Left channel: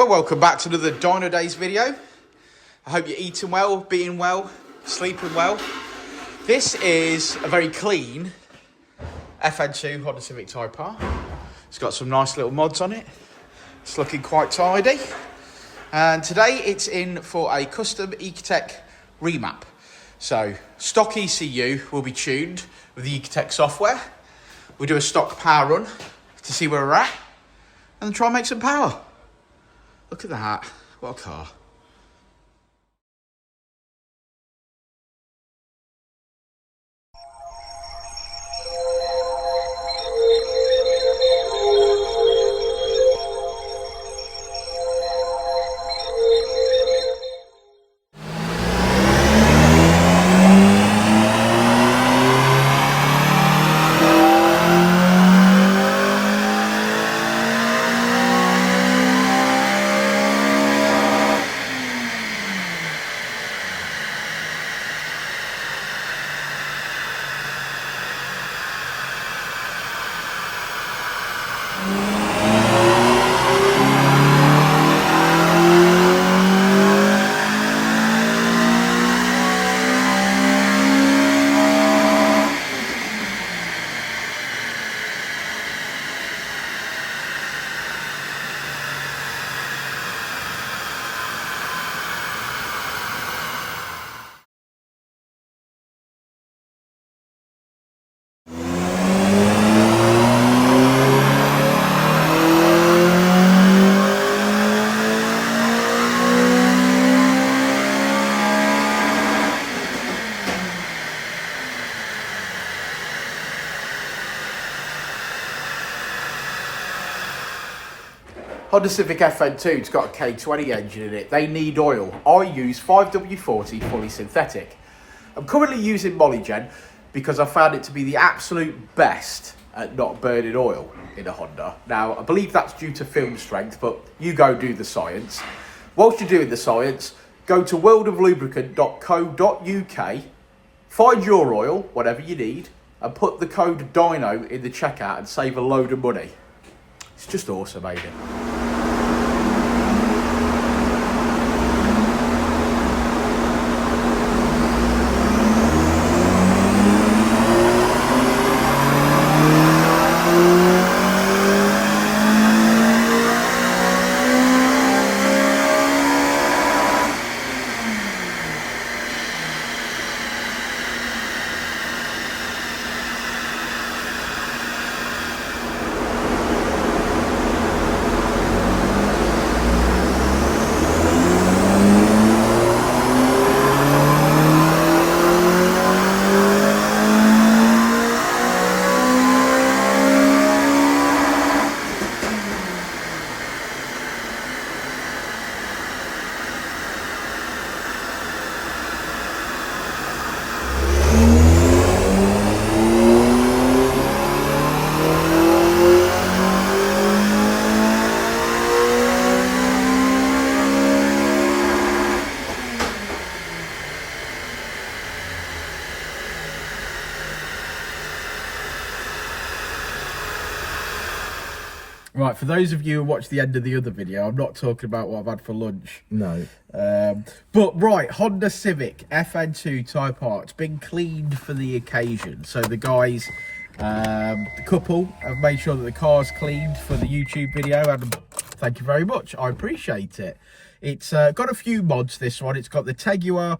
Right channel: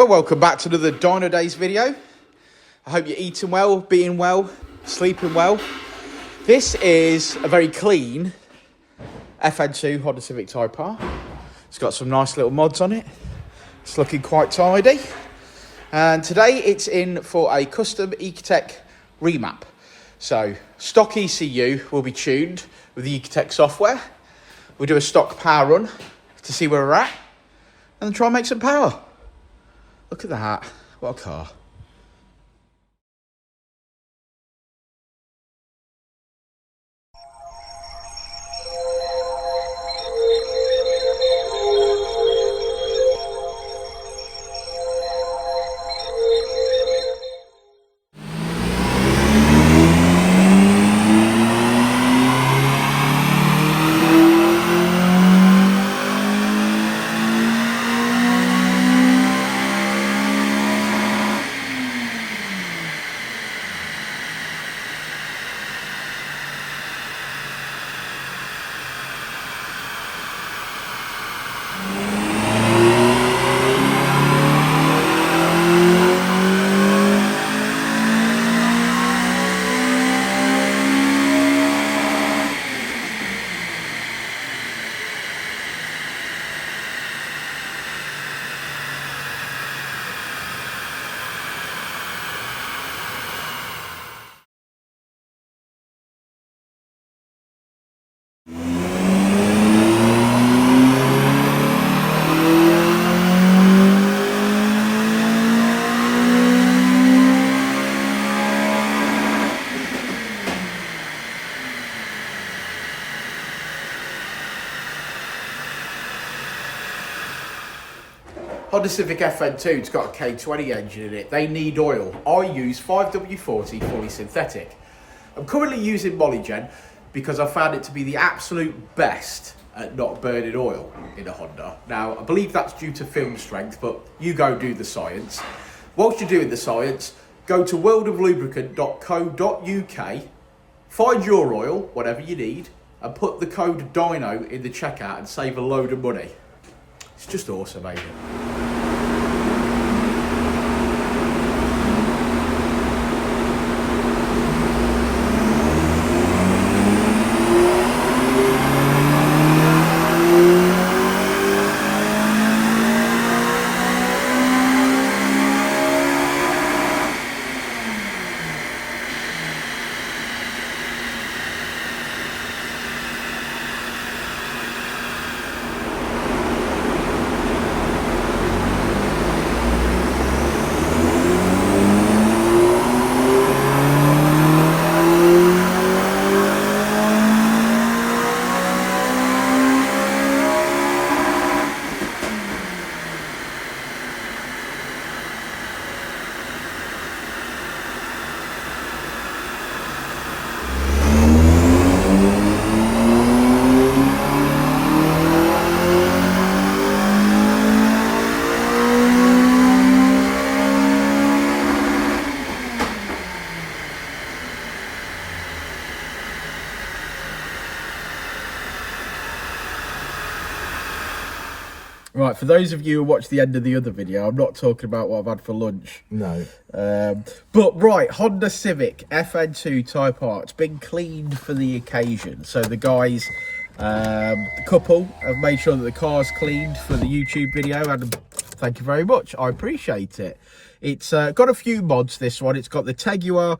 Well, welcome back to another Dynodaze video. I hope you're eating well, being well, sleeping well. This is a very clean Fn2 Honda Civic TypeR. It's got some nice little mods on it. It's looking quite tidy. And today it's in for a custom Ecutek remap. So stock ECU will be tuned with the Ecutek software. We'll do a stock power run to see where we're at and then try and make some power. Look at that, what a car. Honda Civic Fn2, it's got a K20 engine in it. They need oil. I use 5W40 fully synthetic. I'm currently using Molygen because I found it to be the absolute best at not burning oil in a Honda. Now, I believe that's due to film strength, but you go do the science. Whilst you're doing the science, go to worldoflubricant.co.uk, find your oil, whatever you need, and put the code DINO in the checkout and save a load of money. It's just awesome, ain't it? Right, for those of you who watched the end of the other video, I'm not talking about what I've had for lunch. No. But right, Honda Civic Fn2 TypeR, it's been cleaned for the occasion. So the guys, the couple, have made sure that the car's cleaned for the YouTube video, and thank you very much, I appreciate it. It's got a few mods, this one. It's got the Teguar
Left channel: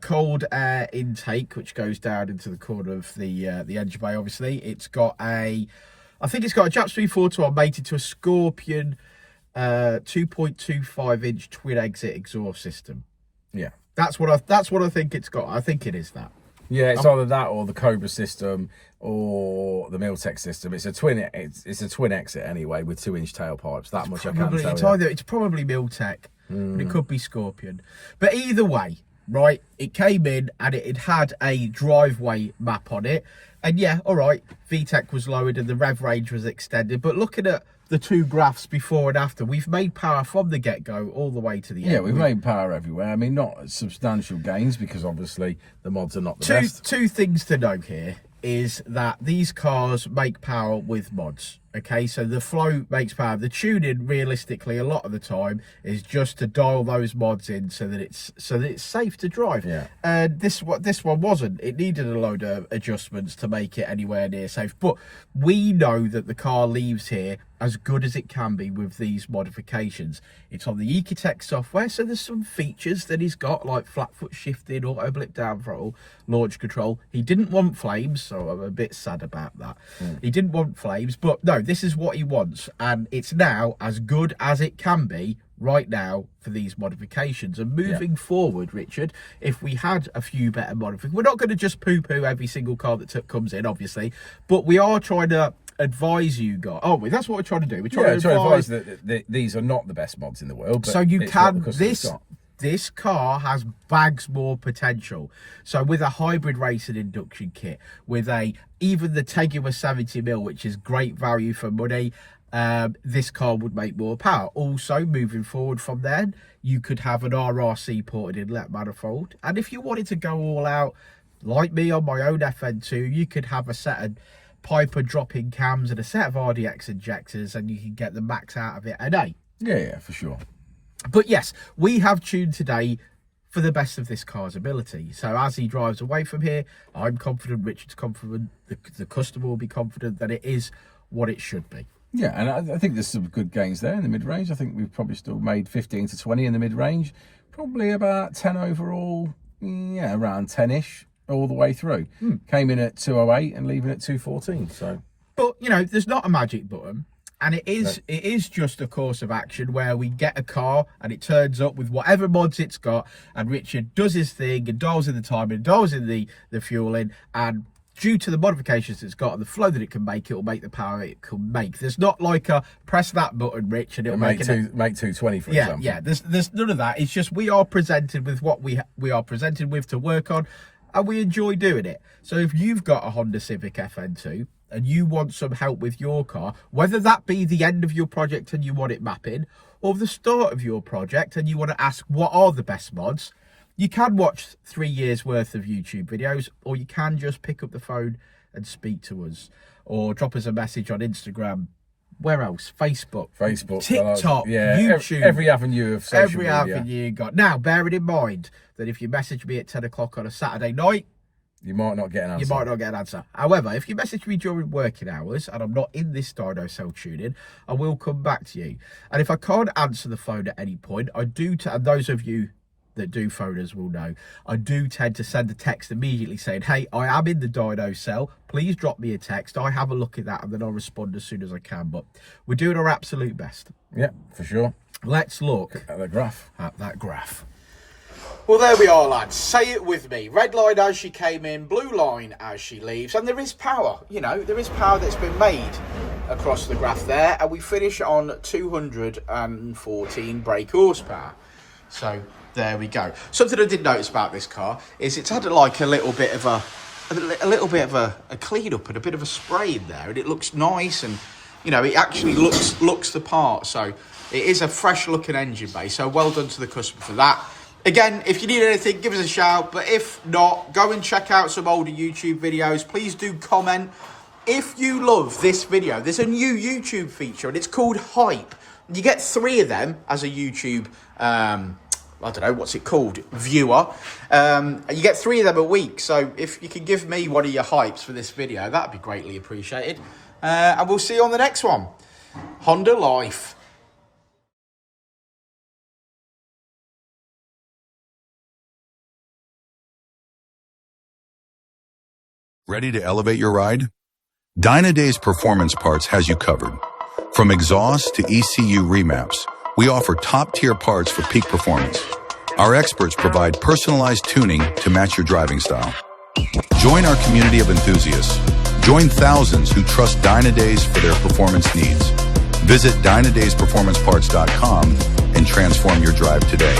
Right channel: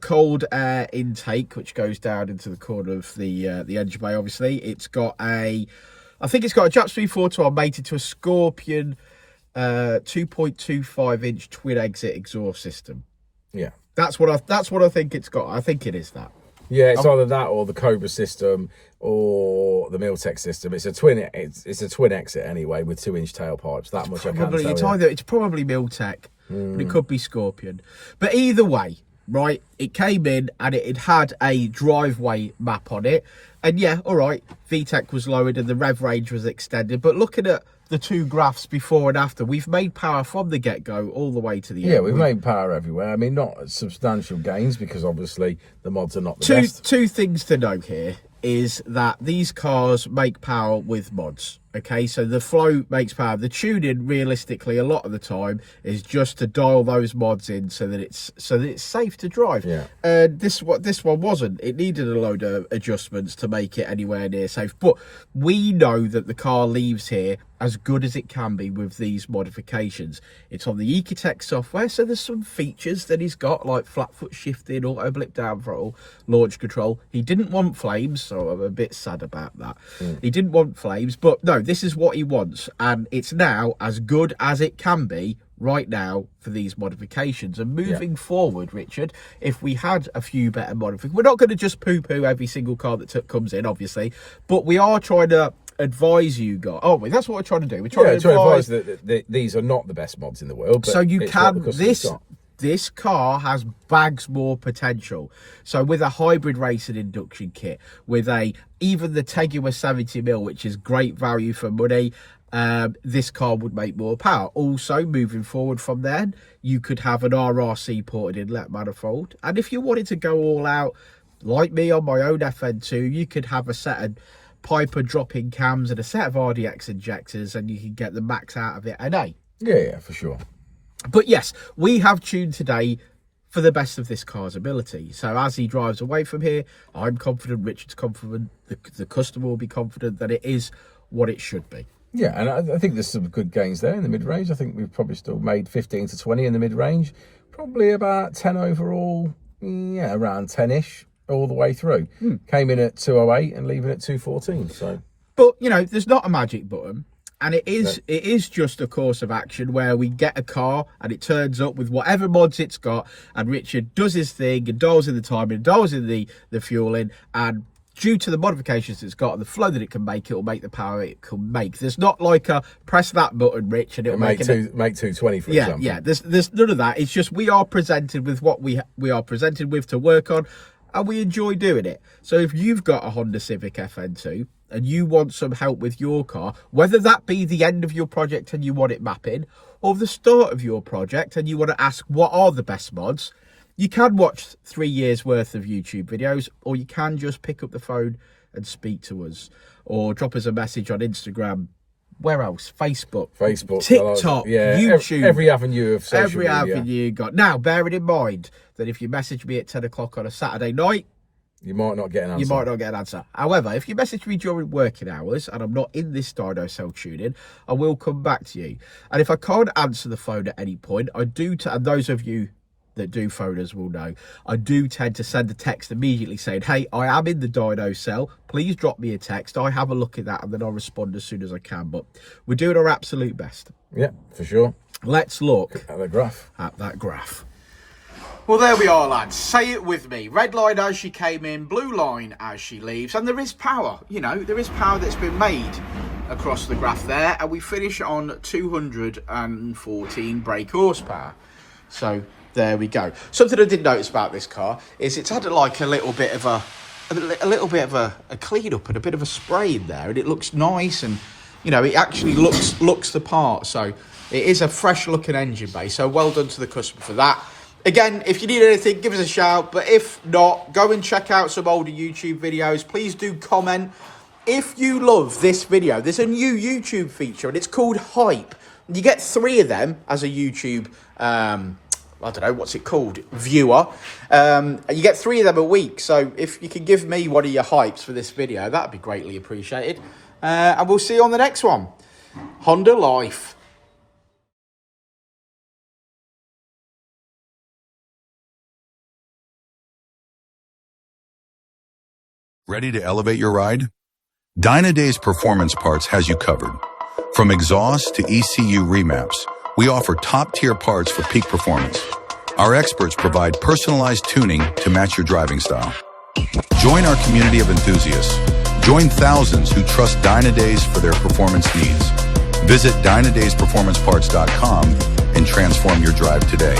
cold air intake, which goes down into the corner of the engine bay, obviously. It's got I think it's got a Japs 342 mated to a Scorpion 2.25 inch twin exit exhaust system. Yeah, that's what I think it's got. I think it is that. Yeah, it's either that or the Cobra system or the Miltech system. It's a twin. It's a twin exit anyway with 2-inch tailpipes. That much I can tell you. It's probably Miltech, but it could be Scorpion. But either way, right? It came in and it had a driveway map on it. And yeah, all right, vtec was lowered and the rev range was extended. But looking at the two graphs before and after, we've made power from the get-go all the way to the end. Yeah, we've made power everywhere. I mean, not substantial gains because obviously the mods are not the best. Two things to note here is that these cars make power with mods. Okay, so the flow makes power. The tuning, realistically, a lot of the time is just to dial those mods in so that it's safe to drive. Yeah. And this one wasn't. It needed a load of adjustments to make it anywhere near safe. But we know that the car leaves here as good as it can be with these modifications. It's on the Ecutek software, so there's some features that he's got, like flat foot shifting, auto blip down throttle, launch control. He didn't want flames, so I'm a bit sad about that. He didn't want flames, but no, this is what he wants, and it's now as good as it can be right now for these modifications. And moving forward, Richard, if we had a few better modifications, we're not going to just poo-poo every single car that comes in, obviously, but we are trying to advise you guys, aren't we? That's what we're trying to do. We're trying to advise that these are not the best mods in the world, but so you can this car has bags more potential. So with a hybrid racing induction kit, with even the Tegua 70mm, which is great value for money, this car would make more power. Also, moving forward from then, you could have an RRC ported inlet manifold, and if you wanted to go all out, like me on my own FN2, you could have a set of TypeR drop-in cams and a set of RDX injectors, and you can get the max out of it. And yeah, for sure. But yes, we have tuned today for the best of this car's ability. So as he drives away from here, I'm confident, Richard's confident, the customer will be confident that it is what it should be. Yeah, and I think there's some good gains there in the mid-range. I think we've probably still made 15 to 20 in the mid-range. Probably about 10 overall, yeah, around 10-ish all the way through. Came in at 208 and leaving at 214. So, but, you know, there's not a magic button. And it is just a course of action where we get a car and it turns up with whatever mods it's got, and Richard does his thing and dials in the timing, dials in the fueling, and due to the modifications it's got and the flow that it can make, it will make the power it can make. There's not like a press that button, Rich, and it'll make 220, for example. Yeah, there's none of that. It's just we are presented with what we are presented with to work on, and we enjoy doing it. So if you've got a Honda Civic Fn2 and you want some help with your car, whether that be the end of your project and you want it mapping, or the start of your project and you want to ask what are the best mods, you can watch 3 years worth of YouTube videos, or you can just pick up the phone and speak to us, or drop us a message on Instagram. Where else? Facebook, TikTok, YouTube. Every avenue of social media. Every avenue you got. Now, bearing in mind that if you message me at 10 o'clock on a Saturday night, you might not get an answer. However, if you message me during working hours and I'm not in this dyno cell tuning, I will come back to you. And if I can't answer the phone at any point, I do, and those of you that do phone us will know, I do tend to send a text immediately saying, hey, I am in the dyno cell. Please drop me a text. I have a look at that and then I'll respond as soon as I can. But we're doing our absolute best. Yeah, for sure. Let's look at the graph. At that graph. Well, there we are, lads. Say it with me. Red line as she came in, blue line as she leaves. And there is power, you know, there is power that's been made across the graph there. And we finish on 214 brake horsepower. So there we go. Something I did notice about this car is it's had like a little bit of a clean up and a bit of a spray in there. And it looks nice, and, you know, it actually looks the part. So it is a fresh looking engine base. So well done to the customer for that. Again, if you need anything, give us a shout. But if not, go and check out some older YouTube videos. Please do comment. If you love this video, there's a new YouTube feature, and it's called Hype. You get 3 of them as a YouTube, I don't know, what's it called, viewer. And you get 3 of them a week. So if you can give me one of your hypes for this video, that'd be greatly appreciated. And we'll see you on the next one. Honda Life. Ready to elevate your ride? Dynodaze Performance Parts has you covered. From exhaust to ECU remaps, we offer top-tier parts for peak performance. Our experts provide personalized tuning to match your driving style. Join our community of enthusiasts. Join thousands who trust Dynodaze for their performance needs. Visit DynodazePerformanceParts.com and transform your drive today.